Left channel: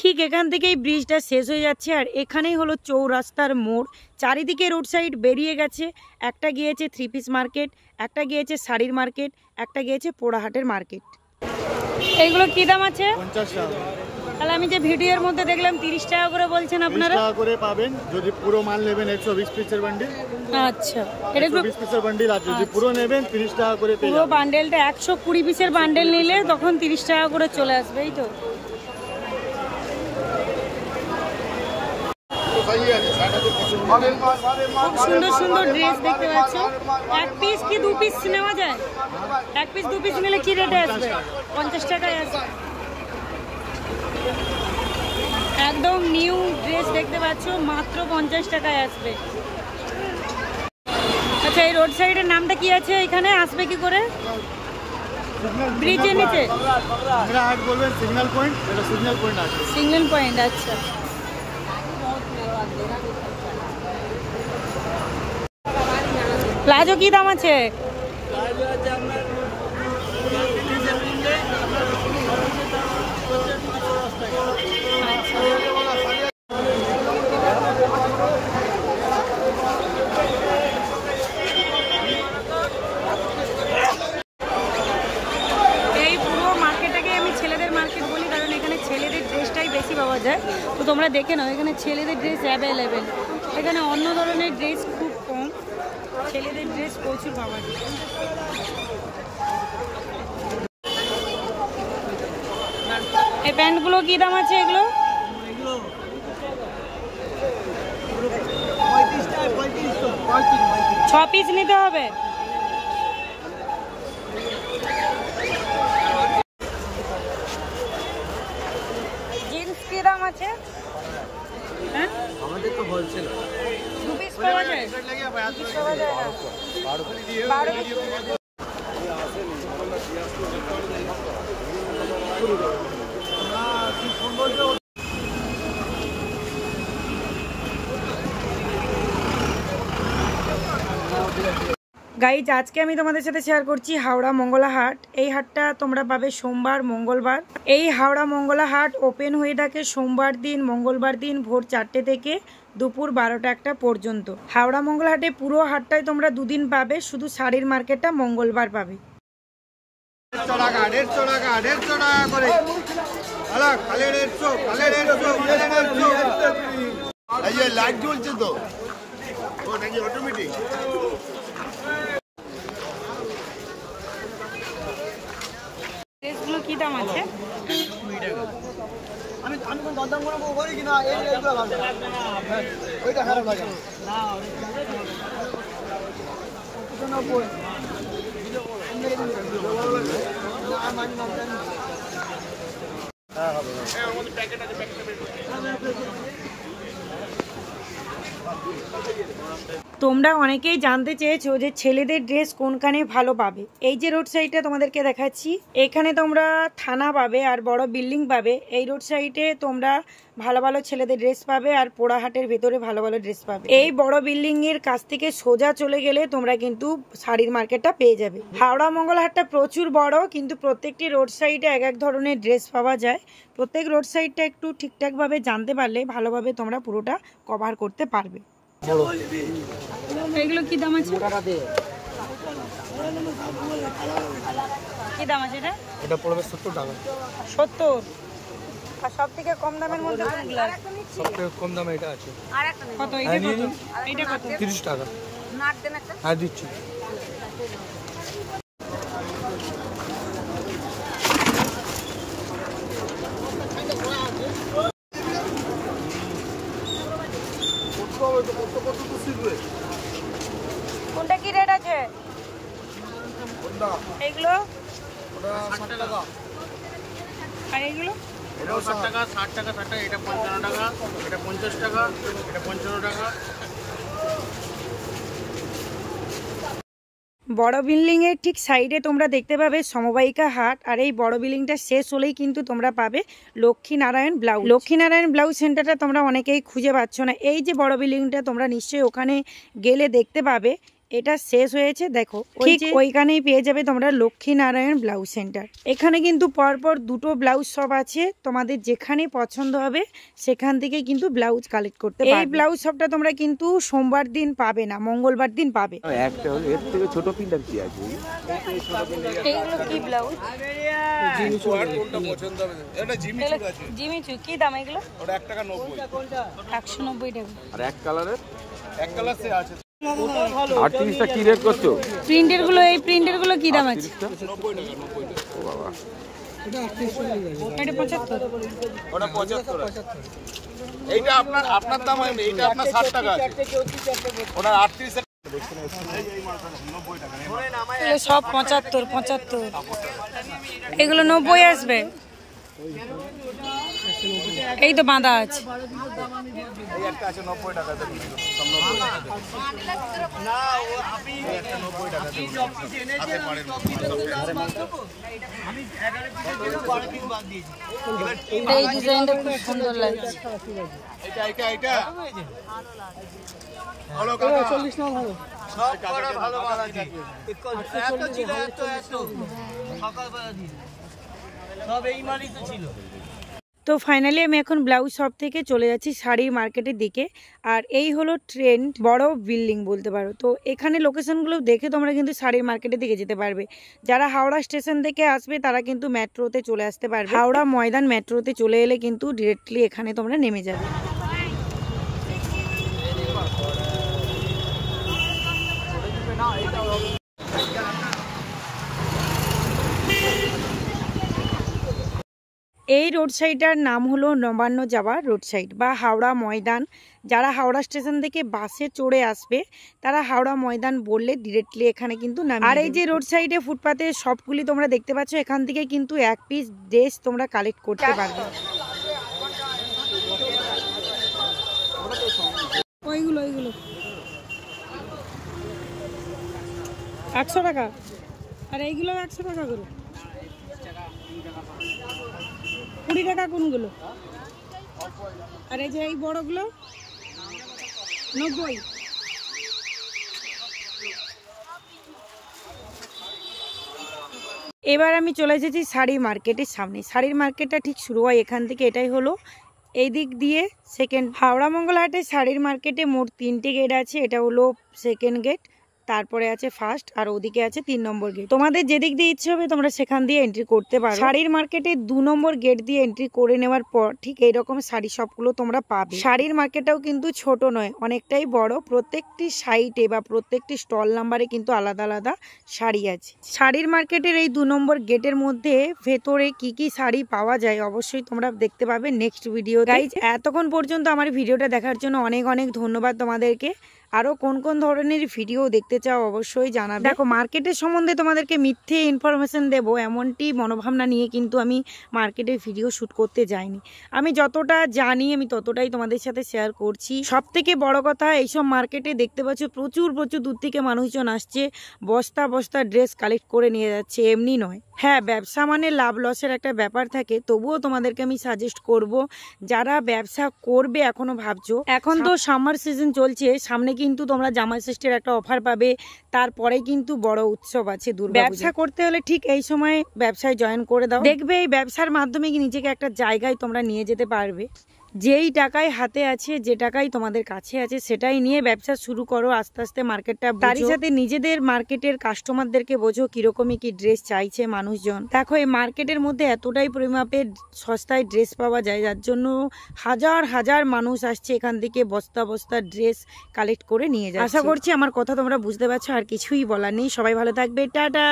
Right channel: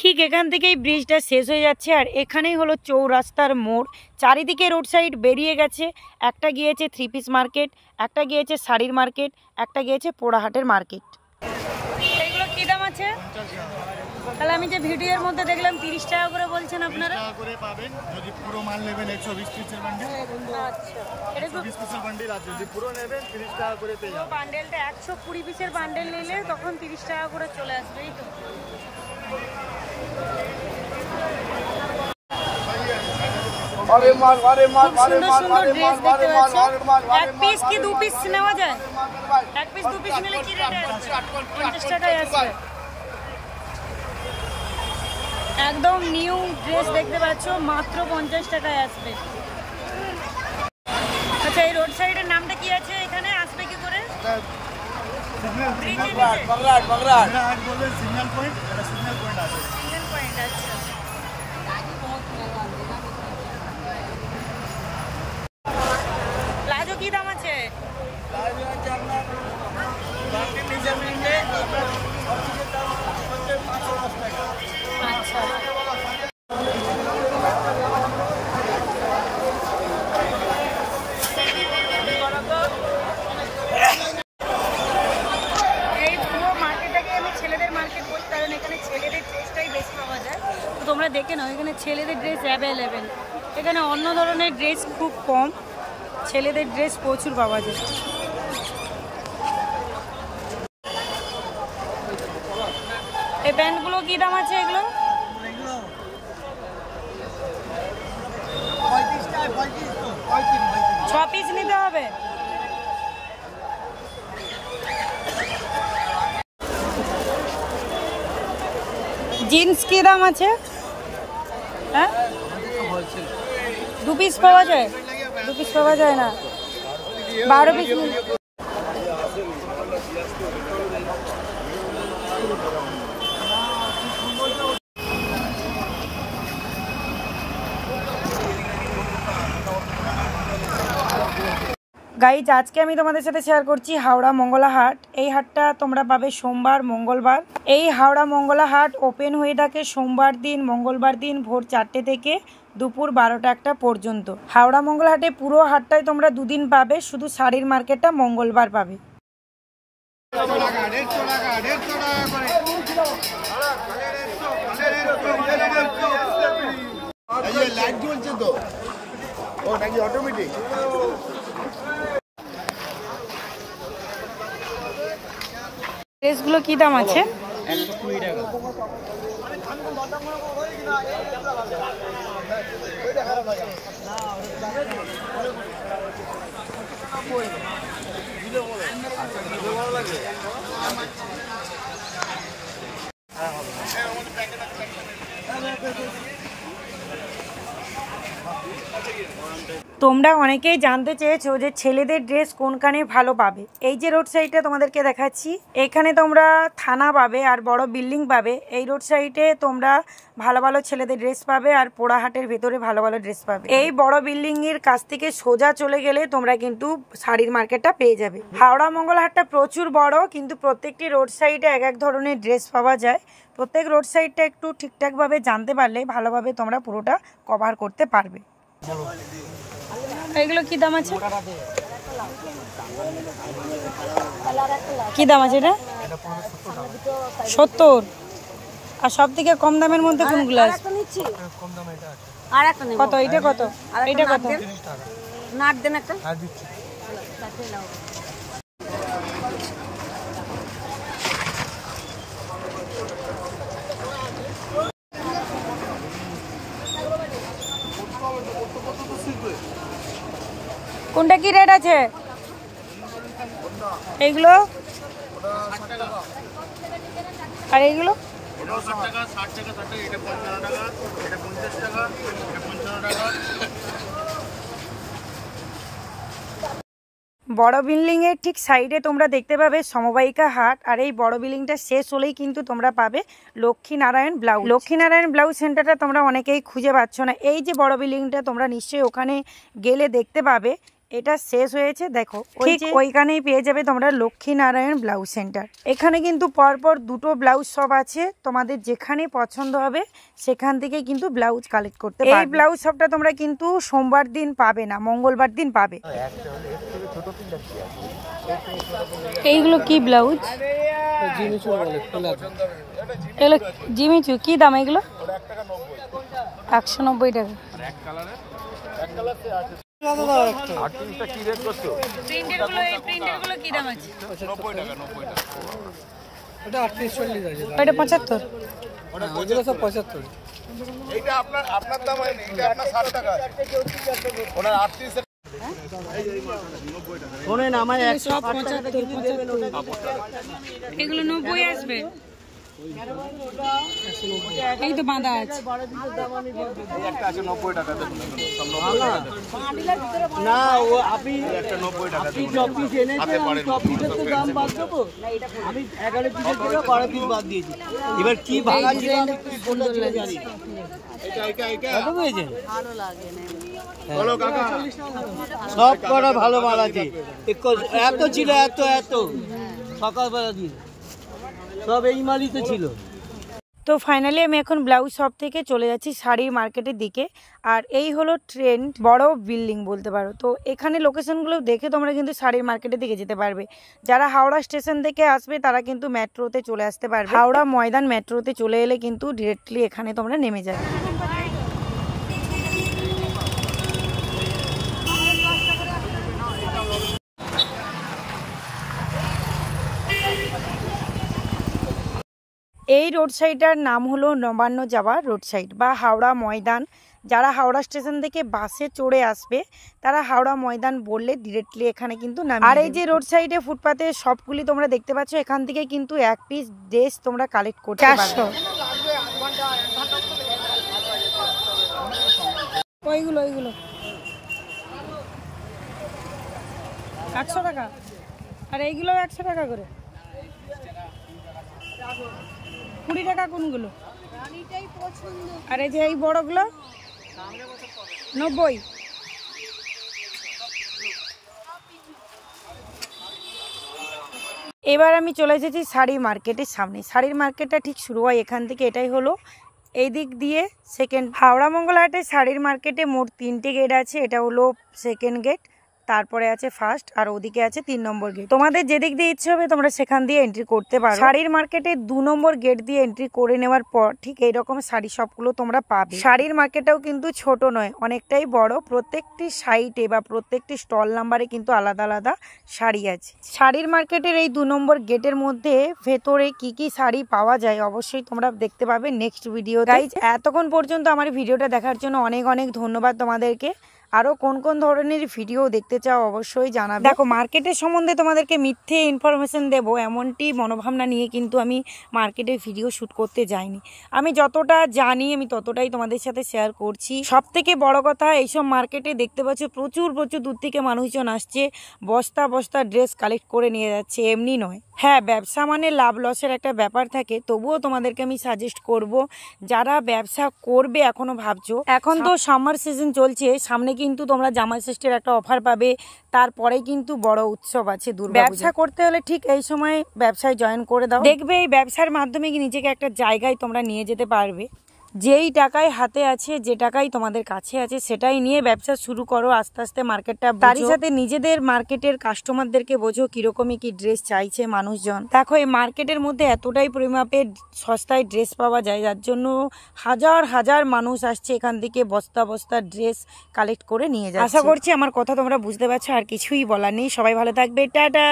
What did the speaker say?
ঠিক এখান থেকেই ব্রিজটা শেষ হয়ে যাচ্ছে আর এখানেই হলো চৌরাস্তার মোড়। চারিদিকে রোড সাইড বেরিয়ে গেছে, একটা গিয়েছে 3 পিস মার্কেট, একটা গিয়েছে শাড়ির মার্কেট, একটা গিয়েছে পোড়াহাটের মার্কেট। এইগুলো কি দাম আছে? তাহলে আমি যে ভিডিওর মধ্যে দেখলাম 30 টাকা করে বলছেন আপনারা। 30 টাকা করে পাবেন যদি পুরো মাল নেবেন 120 পিসের বান্ডিল। আচ্ছা, এটা 120 পিসের বান্ডিল আছে, যদি পুরো নেবেন 30 টাকা করে পেয়ে যাবেন। পুরো বান্ডেলটা 120 পিসের বান্ডেল নিলে তখন 30 টাকা করে চলে আসবে, এই তো। খুব সুন্দর সুন্দর ড্রেস দেখতে পাচ্ছ। 1 পিস কি 2 পিস নেওয়া যায়? 1 পিস 2 পিস নিলে কি রেটে আসবে? 50 টাকায় আসবে। একদম নিউ ড্রেস দেখতে পাচ্ছ, মাত্র 50 টাকায় আসবে। আচ্ছা, এই রোড সাইডের নামটা কি আছে? এখানে আসবে কি করে? ব্রিজের নিচে আমরা হাট বলবেন সিগন্যাল পয়েন্ট, এটা সিগন্যাল পয়েন্ট আছে। সিগন্যাল পয়েন্ট, আচ্ছা। প্লাজো কি দাম আছে? প্লাজো আছে আপনার বান্ডিল হিসাবে নিলে আপনার সবচেয়ে দাম হচ্ছে 510 টাকা। আচ্ছা, এই পুরো মার্কেটটাকে আমি ছেলেদের মার্কেট বলি, কারণ এখানে ছেলেদের ড্রেসটাই বেশি পাওয়া যায়। তো তোমরা দেখে নাও, এখানে ছেলেদের ড্রেস অ্যাভেলেবেল। এখানে অন্য ধরনের ড্রেস খুব কম, ছেলেদের ড্রেস প্রচুর পাওয়া যায়। এই প্যান্টগুলো কি দাম আছে? এগুলো এগুলো 35 টাকা, 35 6 পিস নিতে হবে। জিন্স কি দাম আছে? হ্যাঁ, আমাদের তো হোলসেল। 2 পিস পাওয়া যায়? 2 পিস পাওয়া যায় না, 12 পিস। গাইজ, আজকে আমি তোমাদের সাথে শেয়ার করছি হাওড়া মঙ্গলা হাট। এই হাটটা তোমরা পাবে সোমবার, মঙ্গলবার। এই হাওড়া মঙ্গলা হাট ওপেন হয়ে থাকে সোমবার দিন, মঙ্গলবার দিন ভোর 4টে থেকে দুপুর 12টা পর্যন্ত। হাওড়া মঙ্গলা হাটে পুরো হাটটাই তোমরা 2 দিন পাবে, শুধু শাড়ির মার্কেটটা মঙ্গলবার পাবে। 150 টাকা, 150 টাকা, 150 টাকা করে। খালি 150, খালি 150। এই যে লাইট জ্বলছে তো, ও নাকি অটোমেটিক? ড্রেসগুলো কি দাম আছে? 120 টাকা। তোমরা অনেকেই জানতে চেয়েছো যে ছেলেদের ড্রেস কোনখানে ভালো পাবে। এই যে রোড সাইডটা তোমাদেরকে দেখাচ্ছি, এখানে তোমরা থানা পাবে আর বড় বিল্ডিং পাবে। এই রোড সাইডে তোমরা ভালো ভালো ছেলেদের ড্রেস পাবে আর পোড়াহাটের ভেতরে ভালো ভালো ড্রেস পাবে। এই বড় বিল্ডিং এর কাছ থেকে সোজা চলে গেলে তোমরা কিন্তু শাড়ির মার্কেটটা পেয়ে যাবে। হাওড়া মঙ্গলা হাটটা প্রচুর বড়, কিন্তু প্রত্যেকটি রোড সাইডে এক এক ধরনের ড্রেস পাওয়া যায়। প্রত্যেক রোড সাইডটা একটু ঠিকঠাকভাবে জানতে পারলে ভালোভাবে তোমরা পুরোটা কভার করতে পারবে। এগুলো কি দাম আছে? কি দাম আছে এটা? এটা পড়বে 70 টাকা। 70? আর সব থেকে কম দামের মধ্যে কোনগুলো আছে? কম দামে এটা আছে। কত? এটা কত? এটা কত? 30 টাকা। নাট দেন একটা। হ্যাঁ দিচ্ছি। কোনটা কি রেট আছে? এইগুলো 60 টাকা। আর এইগুলো 60 টাকা, 60 টাকা, 60 টাকা, এটা 55 টাকা, এটা 50 টাকা, এটা 55 টাকা। বড় বিল্ডিং এর ঠিক সাইডে তোমরা দেখতে পাবে সমবায়িকা হাট। আর এই বড় বিল্ডিংটা শেষ হলেই কিন্তু তোমরা পাবে লক্ষ্মীনারায়ণ ব্লাউজ। লক্ষ্মীনারায়ণ ব্লাউজ সেন্টারটা তোমরা অনেকেই খুঁজে পাচ্ছ না। এই যে বড় বিল্ডিংটা, তোমরা নিশ্চয়ই ওখানে গেলে দেখতে পাবে এটা শেষ হয়েছে। দেখো ঠিক ওইখানেই পেয়ে যাবে তোমরা লক্ষ্মীনারায়ণ ব্লাউজ সেন্টার। এখানে কিন্তু পরপর দুটো ব্লাউজ শপ আছে, তোমাদের যেখানে পছন্দ হবে সেখান থেকে কিন্তু ব্লাউজ কালেক্ট করতে পারবে। এই ব্লাউজ শপটা তোমরা কিন্তু সোমবার দিন পাবে না, মঙ্গলবার দিন পাবে। এইগুলো কি ব্লাউজ? জিমিচু কি দাম এগুলো? 190 টাকা। কি রেট করছো? প্রিন্টের গুলো, এই প্রিন্টের গুলো কি দাম আছে? 90 টাকা। 90 টাকা। ওটা 38 আছে। ওটা 75। ওটা 75। এইটা আপনার দাম হয়নি, এইটা আপনার 60 টাকা আছে। ওটা 38 এই মালটা 90 টাকা। শুনেন আমায় সব 75। এগুলো 90 আসবে। এই তো বাঁধা আছে। না ও আপনি সব পিস এনেছেন, আমি সব পিসের তো দাম বাদ দেবো। আমি 11 পিসের জন্য 12 পিস বাদ দিয়েছি। এবার কি এই ডিজাইনটা খুব সুন্দর লাগছে। এটা বলো কাকা। সব কটা ভালো মাল আছে। এত ছিল এত সকালবেলা দিয়ে সব এই মালই তো ছিল। তো ফাইনালি আমি এখন ব্লাউজ শপ থেকে চলে যাচ্ছি শাড়ির মার্কেটের দিকে। আর এই হলো ট্রেন্ড বড় বিল্ডিং বলতে পারো। তো এখানে লোকেশনগুলো দেখে তোমরা কিন্তু শাড়ির মার্কেটের দিকে যেতে পারবে। যারা হাওড়া স্টেশন থেকে আসবে তারা কিন্তু মেট্রোতে চলে আসতে পারবে। হাওড়া ময়দান মেট্রোতে চলে এলে কিন্তু ডিরেক্টলি এখানে তোমরা নেমে যাবে। এই রোড সাইডটার নাম হলো নবান্ন যাওয়া রোড সাইড বা হাওড়া ময়দান। যারা হাওড়া স্টেশন থেকে বাসে চড়ে আসবে তারা হাওড়া ময়দান বললে ডিরেক্টলি এখানে কিন্তু নামবে। আর এই যে রোড সাইডে ফুটপাতে সবগুলি তোমরা দেখতে পাচ্ছ, এখান থেকে কিন্তু এক পিস ড্রেস তোমরা কালেক্ট করতে পারবে। ওইগুলো 100 টাকা। আর এইগুলো 100 টাকা করে। 20 টাকা কোনগুলো? আর এই যে এই বড়গুলো 90। এবার আমি চলে এসেছি শাড়ি মার্কেটের সামনে। শাড়ির মার্কেটটা ঠিক শুরু হয় এখান থেকে। এটাই হলো এই দিক দিয়ে সেকেন্ড। হাওড়া মঙ্গলহাটে শাড়ির মার্কেটে মোট 3টে গেট আছে। এটা হলো সেকেন্ড গেট, তারপরে আছে ফার্স্ট, আর ওদিকে আছে 3 নম্বর গেট। তোমাদের যেদিক দিয়ে ইচ্ছে হবে তোমরা সেখান দিয়ে এন্ট্রি করতে পারো। শাড়ির মার্কেটে 2 নম্বর গেট দিয়ে এন্ট্রি করে নেওয়ার পর ঠিক এইরকম শাড়ি সবগুলো তোমরা পাবে। শাড়ির মার্কেটটাও কিন্তু ছোট নয়, অনেকটাই বড়। প্রত্যেকটি সাইটে বা প্রত্যেকটি স্টল নাম্বারে কিন্তু আলাদা আলাদা শাড়ি আছে। শাড়ির মার্কেটের এই 2 নম্বর গেটের মধ্যে ভেতরে কি কি শাড়ি পাওয়া যায় অবশ্যই তোমরা দেখতে পাবে নেক্সট ভিডিও। গাইজ এতক্ষণ পর্যন্ত আমার ভিডিওটা দেখার জন্য অনেক অনেক ধন্যবাদ তোমাদেরকে। আরও কোন কোন ধরনের ভিডিও দেখতে চাও অবশ্যই জানাবে। দেখো মার্কেটের সম্বন্ধে তোমাদেরকে মিথ্যে ইনফরমেশন দেবো এমনটি মনোভাবনা নিয়ে কিন্তু আমি মার্কেটের ভিডিও শ্যুট করতে যাইনি। আমি যতটা জানি আমি ততটাই তোমাদের সাথে শেয়ার করছি। সব থেকে বড় কথা, এইসব মার্কেটে দেখতে পাচ্ছ প্রচুর দূর থেকে মানুষজন আসছে, বস্তা বস্তা ড্রেস কালেক্ট করে নিয়ে যাচ্ছে। এমনি নয়, হ্যাঁ ব্যবসা মানে লাভ লসের একটা ব্যাপার থাকে, তবুও তোমাদেরকে আমি সাজেস্ট করব যারা ব্যবসা করবে এখনো ভাবছো, এখন তো সামার সিজন চলছে, সামনে কিন্তু তোমরা জামাই ষষ্ঠীর একটা অফার পাবে, তারপরে কিন্তু বড় উৎসব আছে দুর্গা। ব্যবসা করতে হলে ঠিক এই সময় ব্যবসায় জয়েন করে দাও, দেখবে এই ব্যবসার মাধ্যমে নিজেকে একটা জায়গায় তোমরা নিয়ে যেতে পারবে। যেই টাকায় হাতে আছে, যে টাকাই তোমাদের কাছে আছে সেটাই নিয়ে ব্যবসা শুরু করো। আস্তে আস্তে মার্কেটটা তারই সাথে নিজেদের মার্কেটের কাস্টমারদেরকে বোঝো কিরকমই কি ড্রেস চাইছে মানুষজন। দেখো এই মার্কেটের মধ্যে এতটাই পরিমাপে সস্তায় ড্রেস পাওয়া যায়, যার জন্য হাজার হাজার মানুষ আসছে এখান থেকে বস্তা বস্তা ড্রেস কালেক্ট করে নিয়ে যায়। আশা করছি আমার কথা তোমরা বুঝতে পারছো, আর কিছুই বলার নেই। সবাই ভালো থাকবে, টাটা।